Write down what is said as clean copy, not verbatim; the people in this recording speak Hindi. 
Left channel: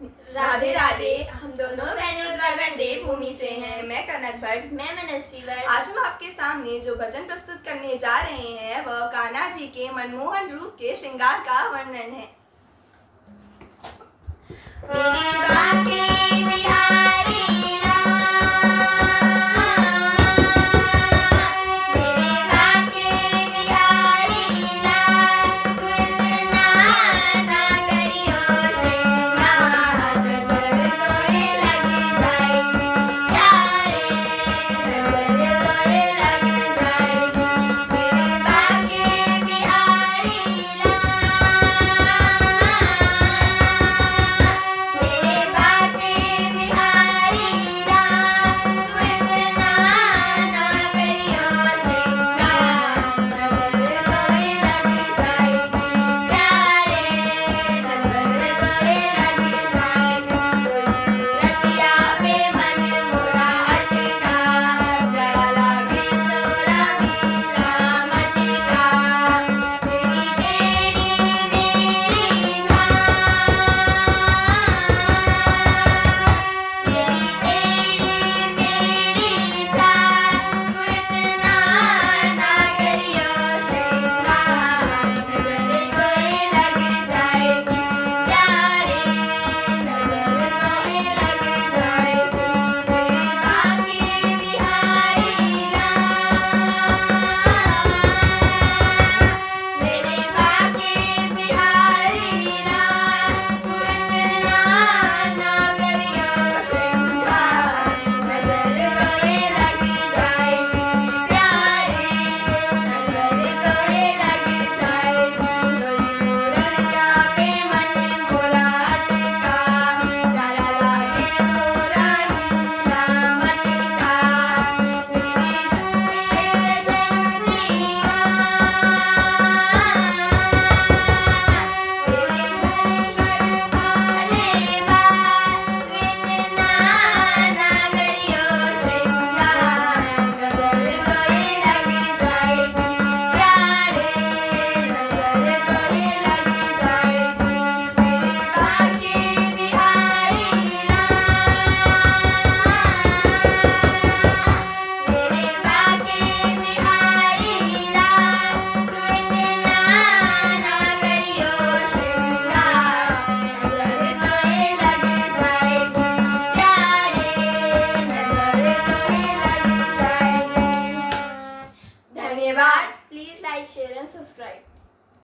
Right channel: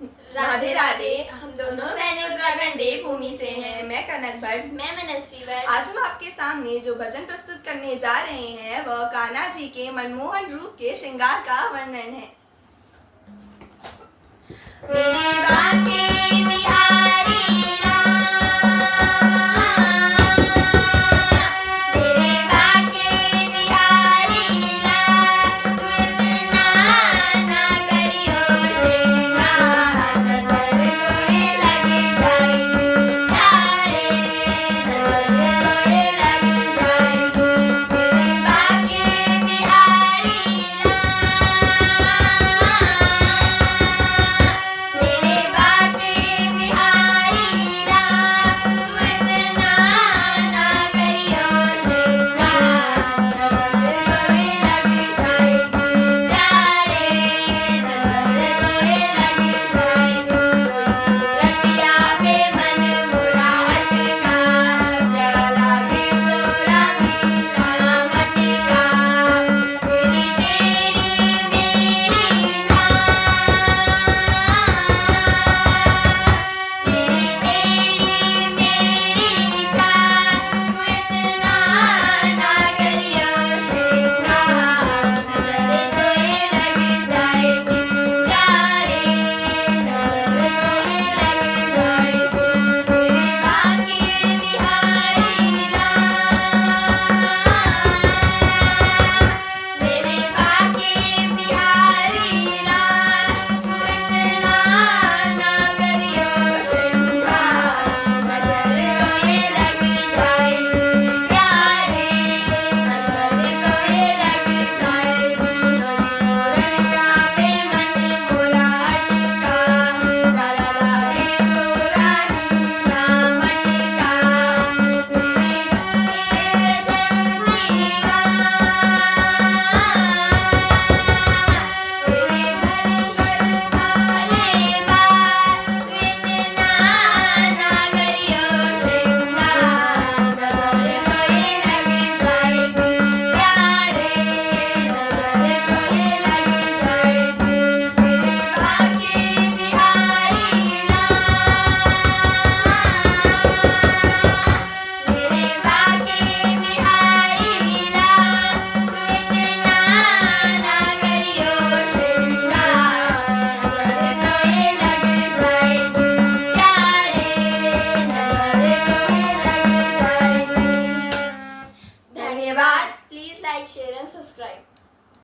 राधे राधे। हम दोनों बहनें उत्तराखंडी भूमि से हैं। मैं कनक भट्ट। मैं मनस्वी भट्ट। आज हम आपके सामने जो भजन प्रस्तुत करने जा रहे हैं वह कान्हा जी के मनमोहन रूप के श्रृंगार का वर्णन है। मेरी